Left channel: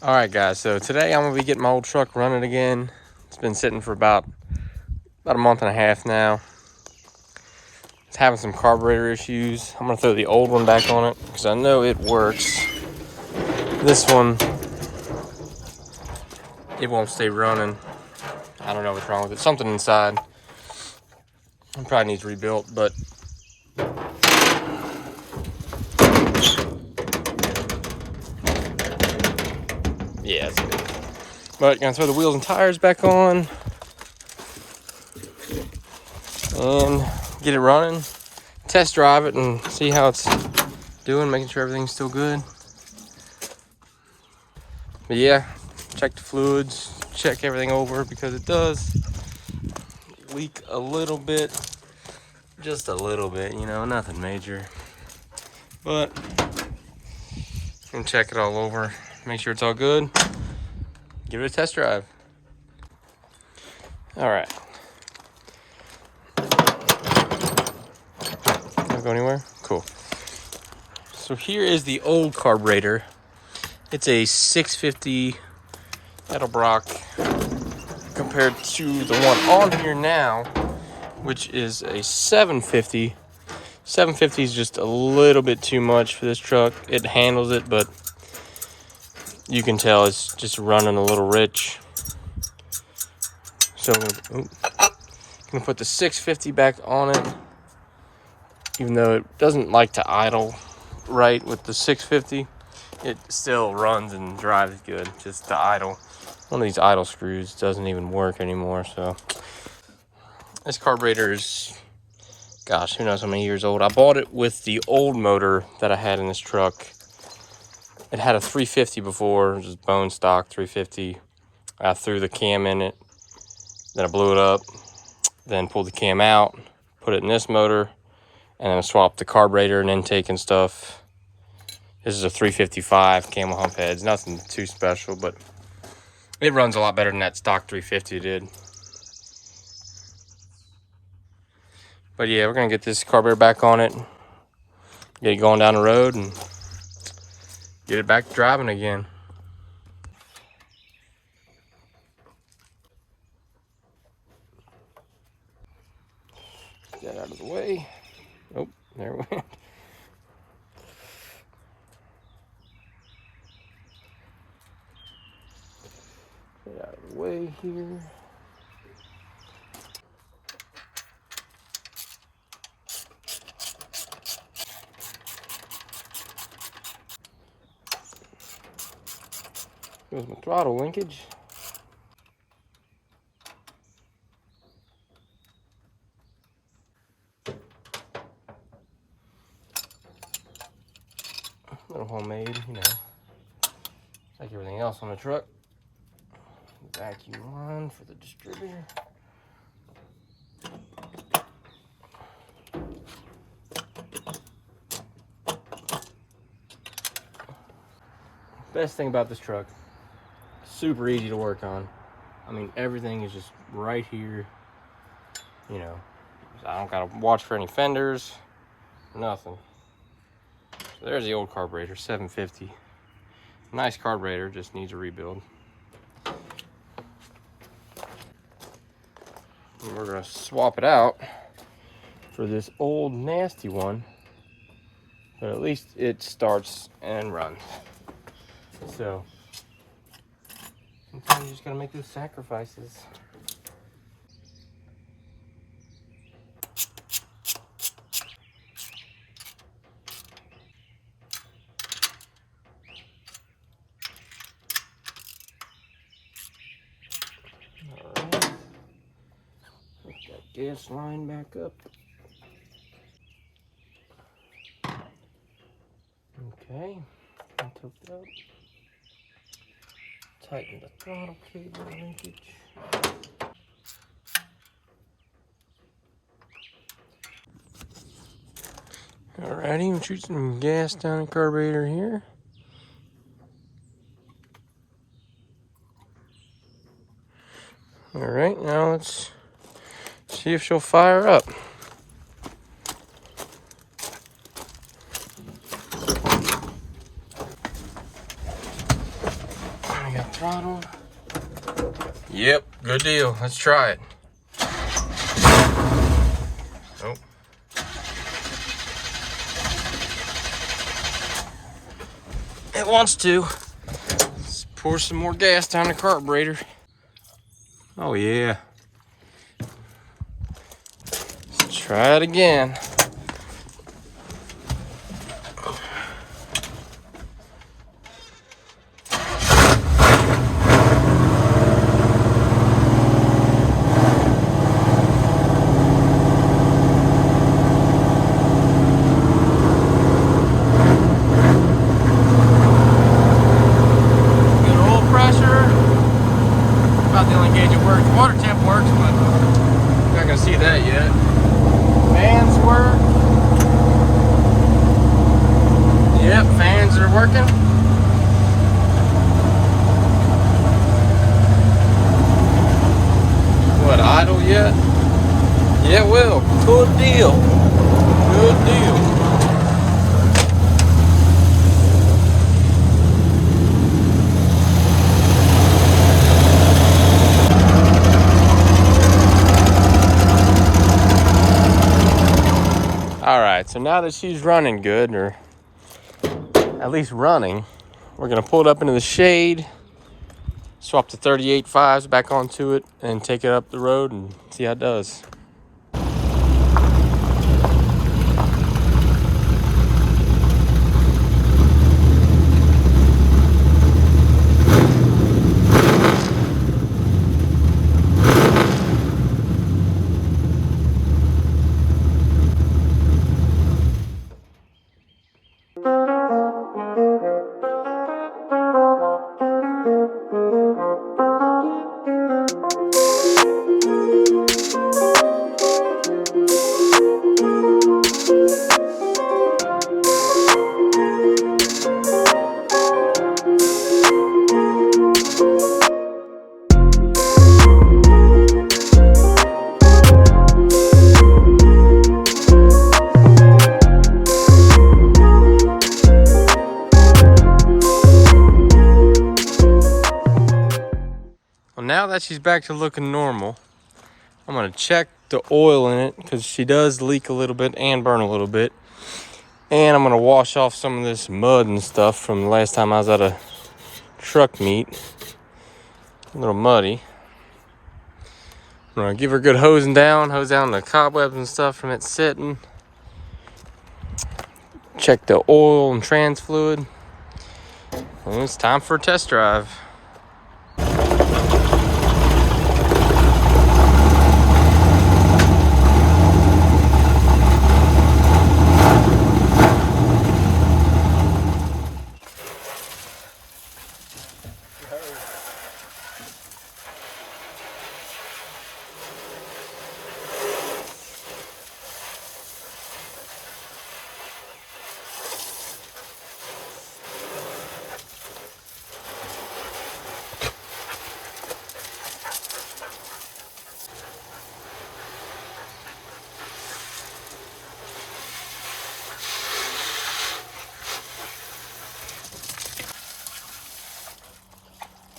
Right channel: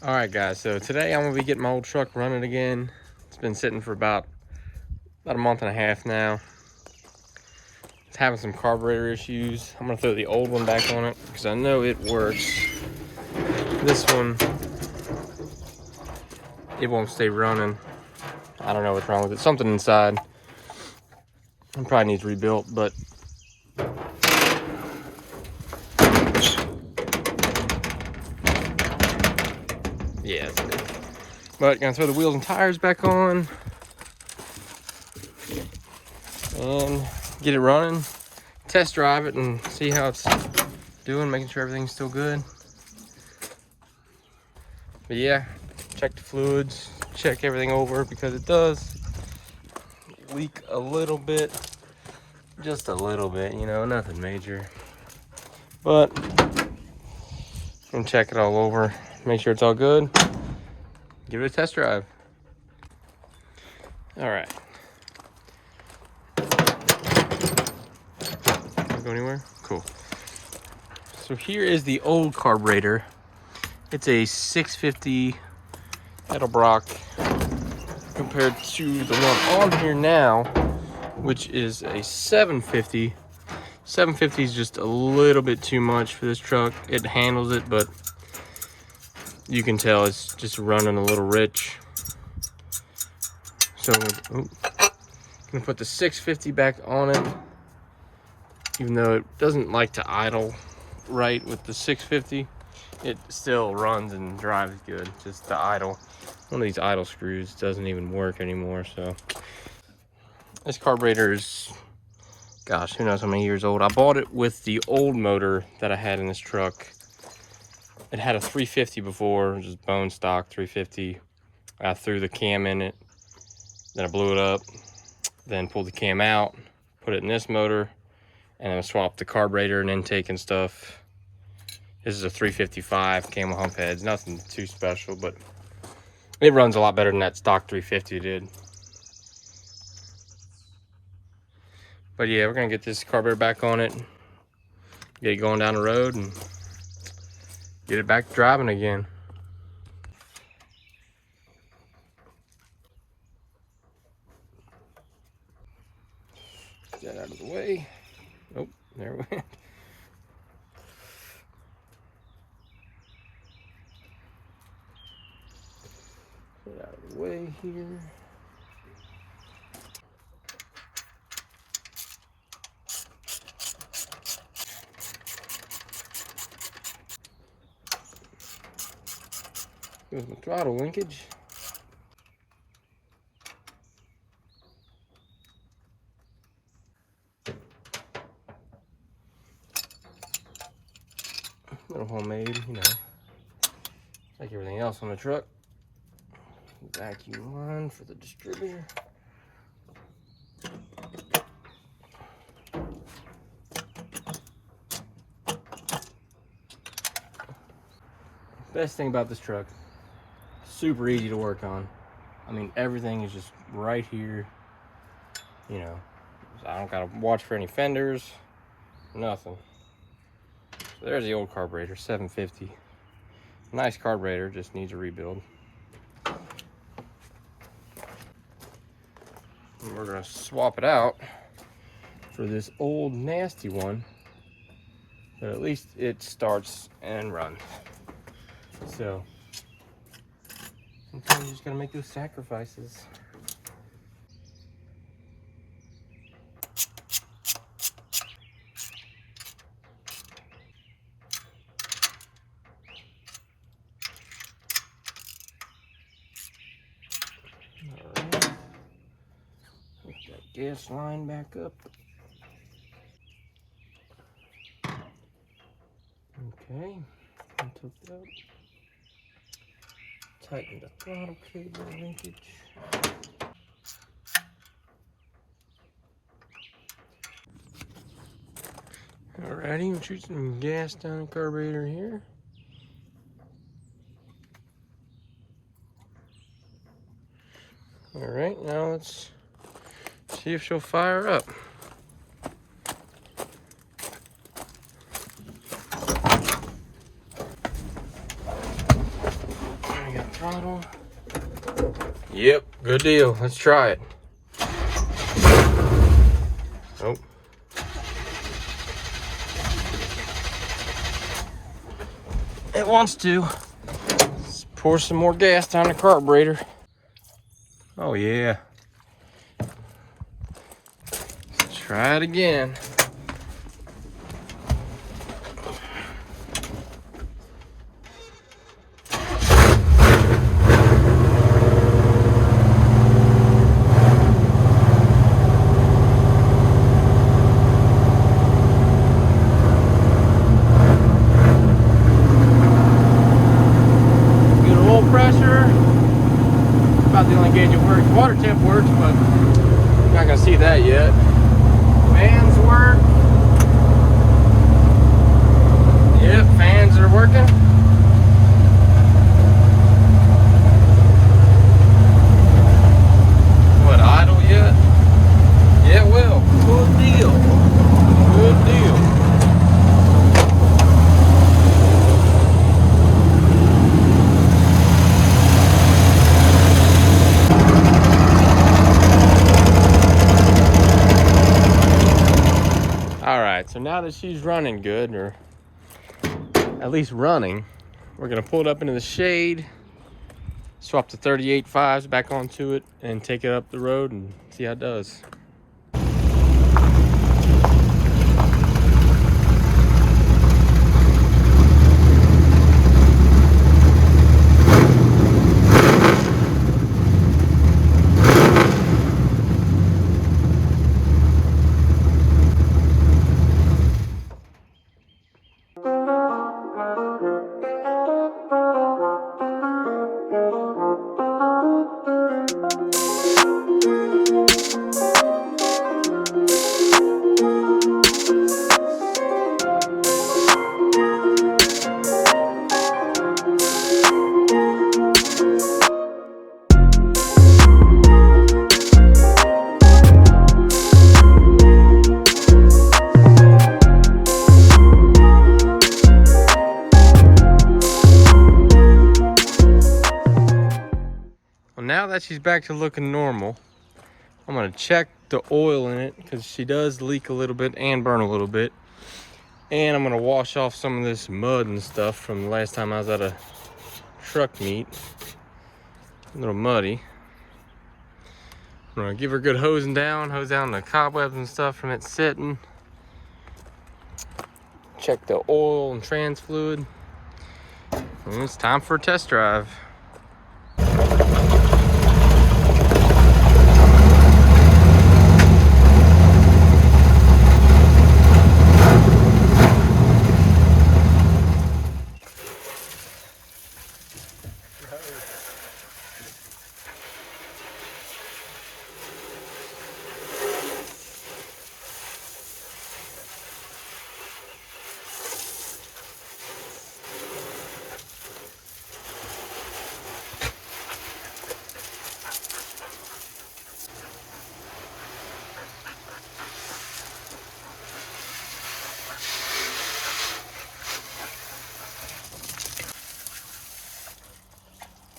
All right, guys, so today I'm gonna be getting my old truck running again. It's been sitting for about a month and a half now. It's having some carburetor issues. I'm gonna throw the old one back on it because I know it works. This one, it won't stay running. I don't know what's wrong with it. Something inside. It probably needs rebuilt, but yeah, it's good. But gonna throw the wheels and tires back on and get it running. Test drive it and see how it's doing, making sure everything's still good. But yeah, check the fluids, check everything over because it does leak a little bit, just a little bit, you know, nothing major. But and check it all over, make sure it's all good. Give it a test drive. All right. Can't go anywhere? Cool. So here is the old carburetor. It's a 650 Edelbrock compared to the one on here now, which is a 750. 750 is just a little bit too much for this truck. It handles it, but you can tell it's just running a little rich. So I'm gonna put the 650 back on it, even though it doesn't like to idle right with the 650. It still runs and drives good, just the idle. One of these idle screws doesn't even work anymore, so. This carburetor is, gosh, who knows how many years old. I bought it with the old motor that I had in this truck. It had a 350 before, just bone stock 350. I threw the cam in it, then I blew it up, then pulled the cam out, put it in this motor, and then I swapped the carburetor and intake and stuff. This is a 355 camel hump heads, nothing too special, but it runs a lot better than that stock 350 did. But yeah, we're gonna get this carburetor back on it, get it going down the road, and get it back driving again. Get that out of the way. Oh, there we went. Get out of the way here. Here's my throttle linkage. Little homemade, you know, like everything else on the truck. Vacuum line for the distributor. Best thing about this truck, super easy to work on. I mean, everything is just right here. You know, I don't gotta watch for any fenders, nothing. So there's the old carburetor, 750. Nice carburetor, just needs a rebuild. And we're gonna swap it out for this old nasty one, but at least it starts and runs. So sometimes you just gotta make those sacrifices. Alright, put that gas line back up. Okay, and hooked up. Tighten the throttle cable linkage. Alrighty, we'll shoot some gas down the carburetor here. Alright, now let's see if she'll fire up. throttle. Yep, good deal. Let's try it. Oh. It wants to. Let's pour some more gas down the carburetor. Oh yeah. Let's try it again. The only gauge that works. Water temp works, but you're not gonna see that yet. Fans work. Yep, fans are working. What, idle yet? Yeah, it will. Good deal. Good deal. Alright, so now that she's running good, or at least running, we're going to pull it up into the shade, swap the 38.5s back onto it, and take it up the road and see how it does. Now that she's back to looking normal, I'm gonna check the oil in it because she does leak a little bit and burn a little bit. And I'm gonna wash off some of this mud and stuff from the last time I was at a truck meet. A little muddy. I'm gonna give her a good hose down the cobwebs and stuff from it sitting. Check the oil and trans fluid. And it's time for a test drive.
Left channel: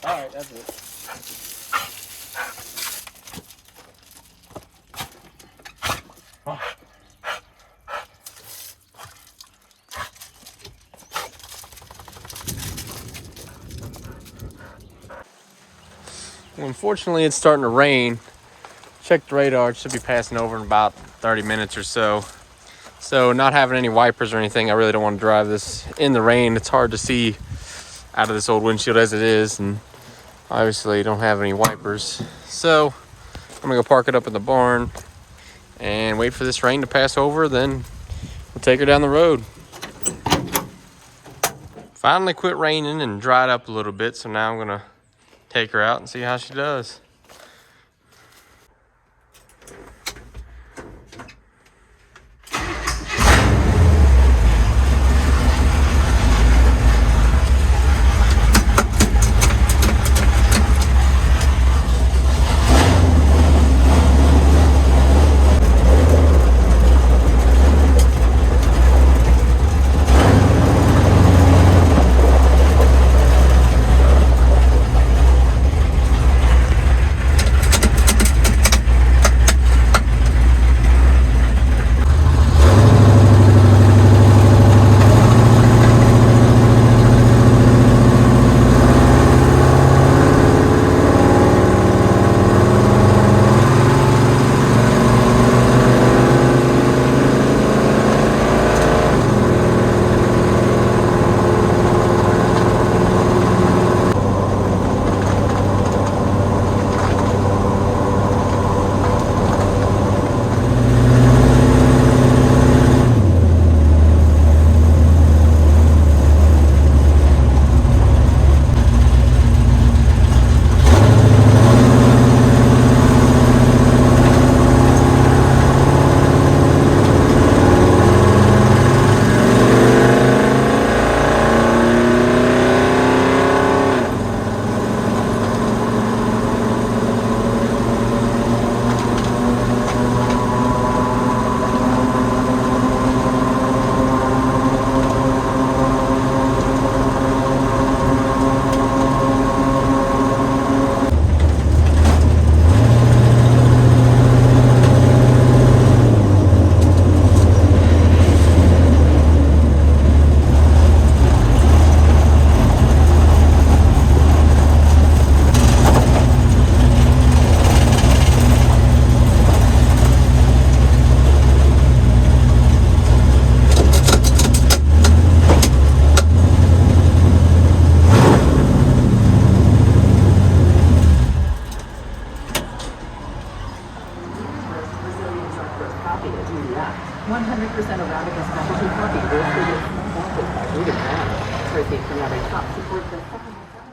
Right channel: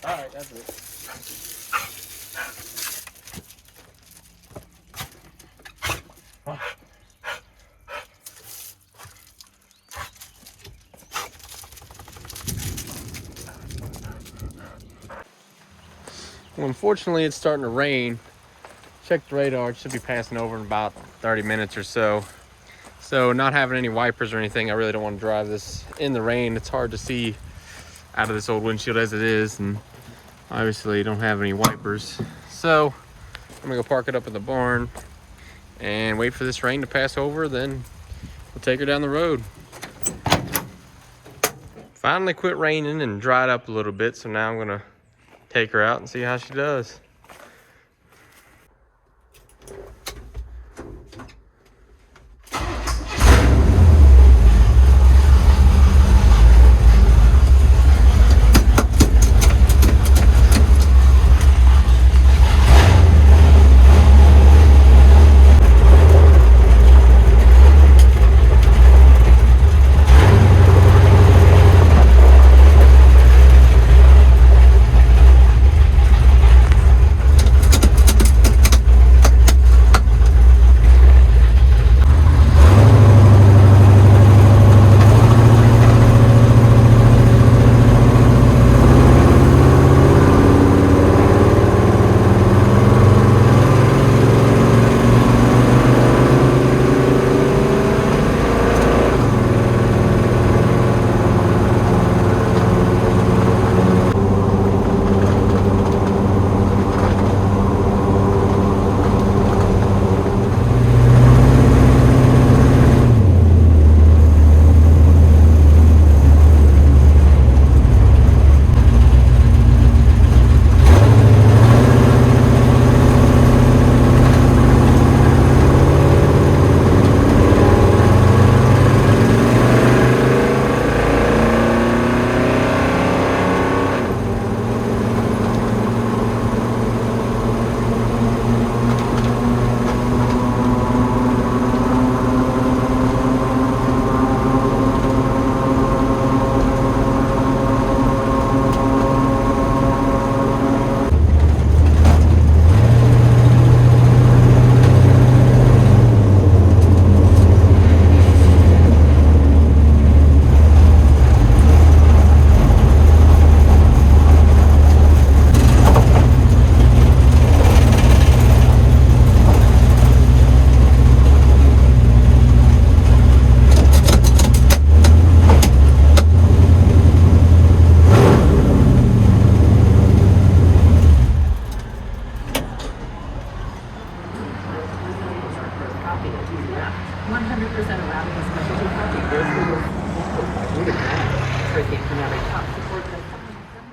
All right, that's it. Oh. Well, unfortunately, it's starting to rain. Check the radar. It should be passing over in about 30 minutes or so. So not having any wipers or anything, I really don't want to drive this in the rain. It's hard to see out of this old windshield as it is, and obviously don't have any wipers. So I'm gonna go park it up in the barn and wait for this rain to pass over, then we'll take her down the road. Finally quit raining and dried up a little bit, so now I'm gonna take her out and see how she does.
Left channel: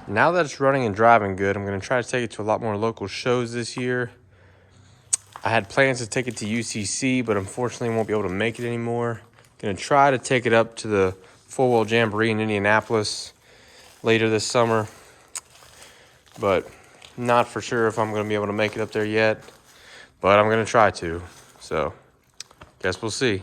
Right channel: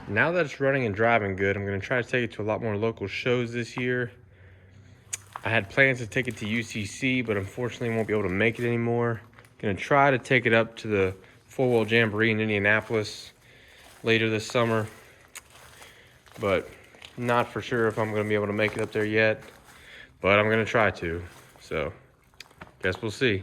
now that it's running and driving good, I'm gonna try to take it to a lot more local shows this year. I had plans to take it to UCC, but unfortunately won't be able to make it anymore. Gonna try to take it up to the four-wheel jamboree in Indianapolis later this summer, but not for sure if I'm gonna be able to make it up there yet, but I'm gonna try to, so guess we'll see.